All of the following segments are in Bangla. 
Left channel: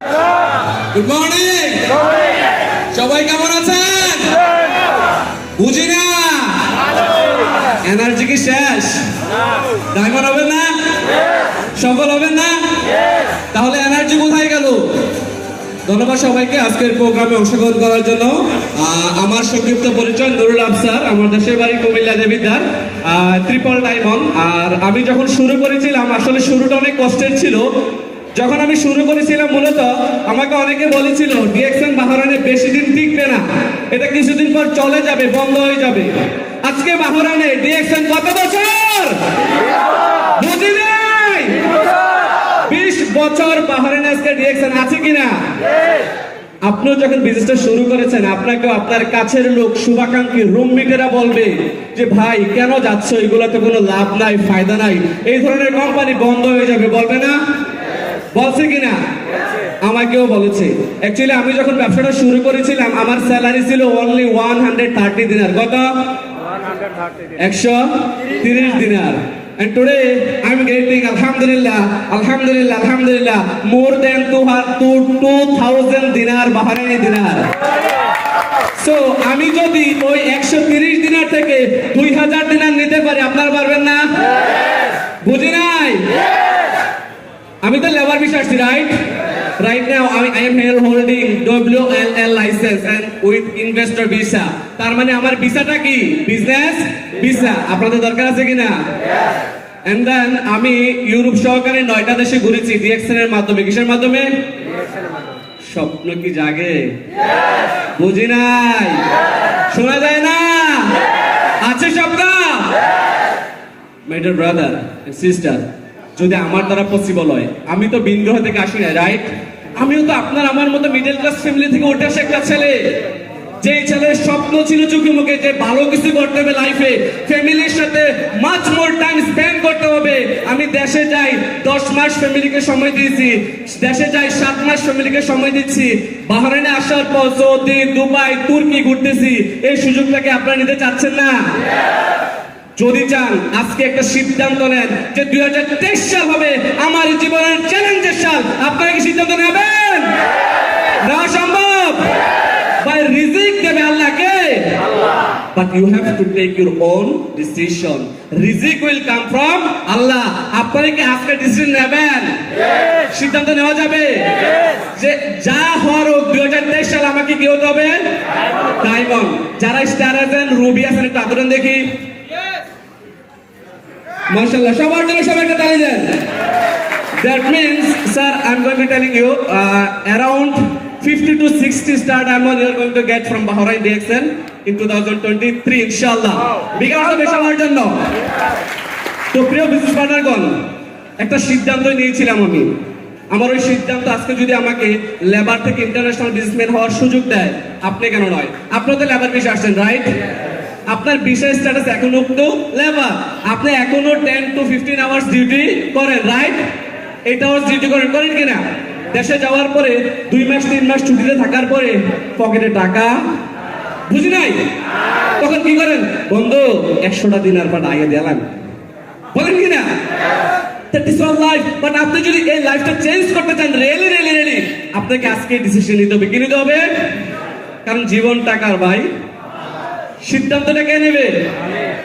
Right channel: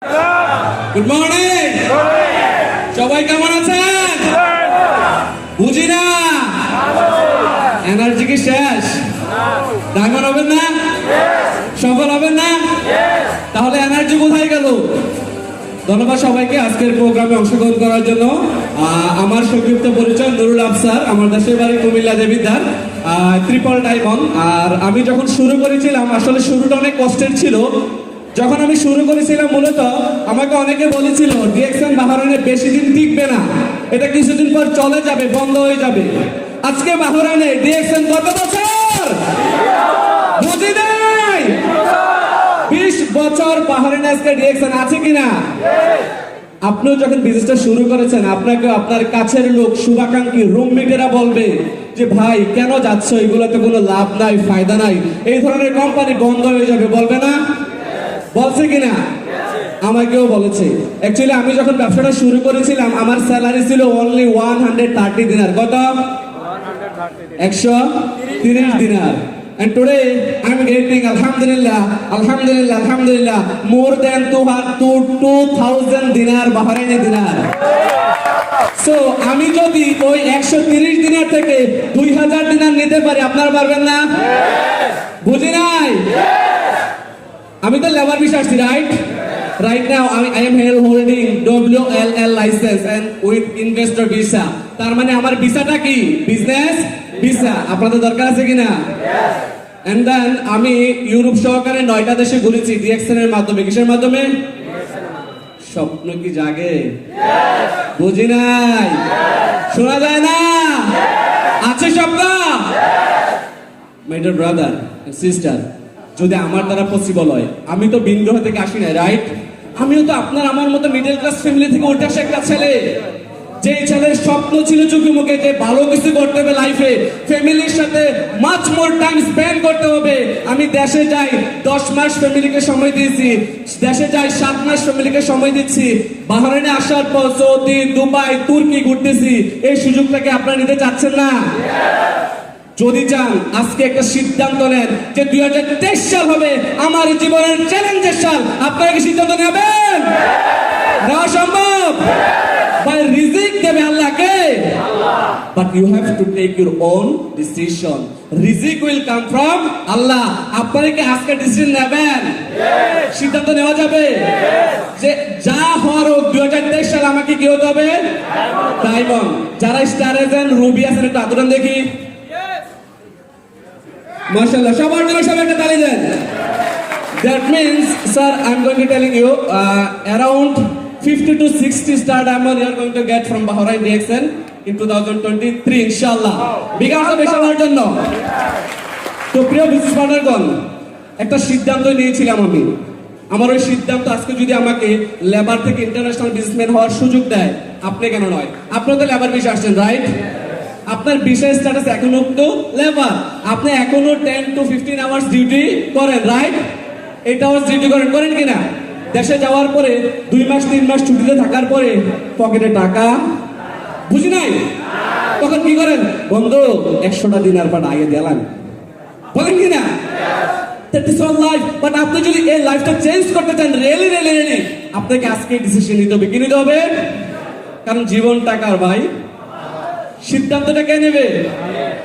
Good morning. সবাই কেমন আছেন? বুঝি না, এনার্জি কি শেষ? ডায়মন্ড হবেন না? সফল হবেন না? তাহলে এনার্জি কোথায় গেল? ধন্যবাদ সবাইকে আজকের প্রোগ্রামে অংশগ্রহণ করার জন্য। আমার সংক্ষিপ্ত পরিচয় নুরুল আফসার, আমার দেশের বাড়ি কুমিল্লা দেবিদ্বার, ট্রিপল ডায়মন্ড। আর আমি যখন শুরু করেছিলাম, আসলে শুরুটা অনেক কষ্টের ছিল। যখন আমি শুরু করেছিলাম, মূলত আমাকে অনেকে বলেছিল ডিএক্সএন বাহরাইনে বেশি দিন টিকবে না, এটা কিছুদিন পর চলে যাবে, বন্ধ হয়ে যাবে। আজকে বাহরাইনে ডিএক্সএন কত বছর? বুঝি নাই। 20 বছর বাহরাইনে আজকে ডিএক্সএন আছে কিনা? আপনিও যখন বিজনেসটা শুরু করেছেন, আপনাকে আপনার কাছের লোক, শুভাকাঙ্ক্ষী, রুমমেটেরা বলবে যে ভাই কেন যাচ্ছ, এগুলোতে কোনো লাভ নাই, ফায়দা নাই, এই ধরনের কোম্পানি বন্ধ হয়ে যাবে, বলবে না? বলছে কিনা? আমাকেও বলেছে। অ্যাকচুয়ালি আমি যখন ব্যবসাটা শুরু করেছিলাম, আমার স্যালারি ছিল অনলি 130 দিনার। কত? 130 দিনার। And today I'm getting alhamdulillah more than 2000 dinar Bahraini dinar. So আমি যদি ওই 130 দিনার থেকে 2000 দিনার নিতে পারি, আপনারা পারবেন না? বুঝি নাই। আমি তো লেবার ভিসা আসছি, right now I am holding WLL license and with investor visa. তার মানে আমার ভিসাটা কি? Business visa. আপনাদের দরকার আছে কিনা? And then আমি ইউরোপ সহকারে 9টা দেশে ঘুরেছি ডিএক্সএন এর মাধ্যমে। কিসের মাধ্যমে? স্বপ্ন কি জাগে? বুঝি নাই। শোনা যায় না? আছে স্বপ্ন? My dear brother and sister, যদি আমার দ্বারা পসিবল হয়, আমি তো বিন্দু থেকে আসি না, রাইট? আমিও তো আপনার আমার মতো মিডল ক্লাস ফ্যামিলি থেকে উঠে আসা একটা ছেলে। যে ছেলের স্বপ্ন ছিল চোখে মুখে যে ভালো কিছু করতে হবে লাইফে, ফ্যামিলির সাথে মাচ মোর টাইম স্পেন্ড করতে হবে। আমি দেশে যাই 10 মাস ফ্যামিলিকে সময় দিয়েছি, দেশে যাই 7 মাস ফ্যামিলিকে সময় দিচ্ছি। বাহরাইনে আসার পর সৌদি, দুবাই, তুর্কি ঘুরতেছি। এই সুযোগটাকে আপনারা নিতে চাচ্ছেন না? যদি চান, আজকে একটা সিদ্ধান্ত নেন যে 2023 সাল হবে আমার জীবনের চ্যালেঞ্জের সাল। আপনারা কি সিদ্ধান্ত নেবেন? নেওয়া সম্ভব? ভাই রিজিক দেবে আল্লাহকে, but you have to take your own decision. রিজিক will come from Allah. আপনারা কি আজকে ডিসিশন নেবেন? সিদ্ধান্ত নেওয়া যাবে যে যা হওয়ার 2023 সাল আমাকে কি হতে হবে? ডায়মন্ড। যারা স্টার আছেন, রুবি আছেন, একটু আদরণ দেখি। মাশাআল্লাহ, সবার জন্য সবাইকে তালি দেন। That means, sir, I'm going to be telling you around 50 to 60 star diamond you are going to get from Bahrain DXN in 2023 inshallah. বিকাশ হবে সবার জন্য। তো প্রিয় বিজনেস পার্টনারগণ, একটা সিদ্ধান্ত নিয়েছিলাম আমি। আমার ওই সিদ্ধান্ত আজকে যদি আমাকে লেবার থেকে ইন্টারন্যাশনাল বিজনেসম্যান হওয়ার সুযোগ দেয়, আপনি কেন নয়? আপনিও তো লেবার বিষয়ে আসছেন, রাইট? আপনার বিষয় স্ট্যাটাস এখনো তো লেবার, আপনি এখনো 10 to 15 আওয়ার্স ডিউটি করেন, রাইট? 8 আওয়ার্স ডিউটি করেন কিনা? দেশে যাওয়ার পরে 2 মাস 3 মাস ছুটিতে থাকার পরে পকেটে টাকা, বুঝি নাই, তখন কি করেন? বন্ধু 100টা দিনার পর আইয়ে দিলাম, বলেন কিনা? That is all life. But আপনি যদি এই লাইফটা চেঞ্জ করতে চান, রিয়েলি আপনাকে আজকে ডিসিশন নিতে হবে। কি নিতে হবে? কারণ জীবন টাকার ভাই। সিদ্ধান্তটা কে নেবে?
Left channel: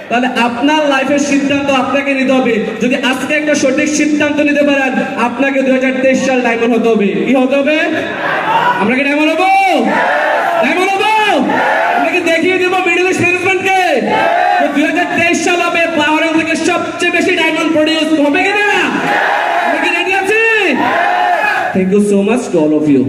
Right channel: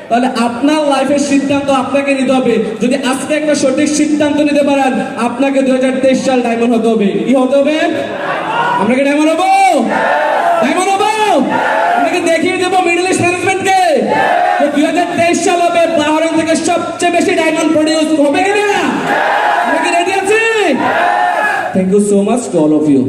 তাহলে আপনার লাইফের সিদ্ধান্ত আপনাকে নিতে হবে। যদি আজকে একটা সঠিক সিদ্ধান্ত নিতে পারেন, আপনাকে 2023 সাল ডায়মন্ড হতে হবে। কি হতে হবে? আমরা কি ডায়মন্ড হবো? ডায়মন্ড হবো? আপনাকে দেখিয়ে দেবো মিডল ইস্ট ম্যানেজমেন্টকে 2023 সাল হবে বাহরাইন থেকে সবচেয়ে বেশি ডায়মন্ড প্রডিউস হবে কিনা? আমরা কি রেডি আছি? Thank you so much to all of you.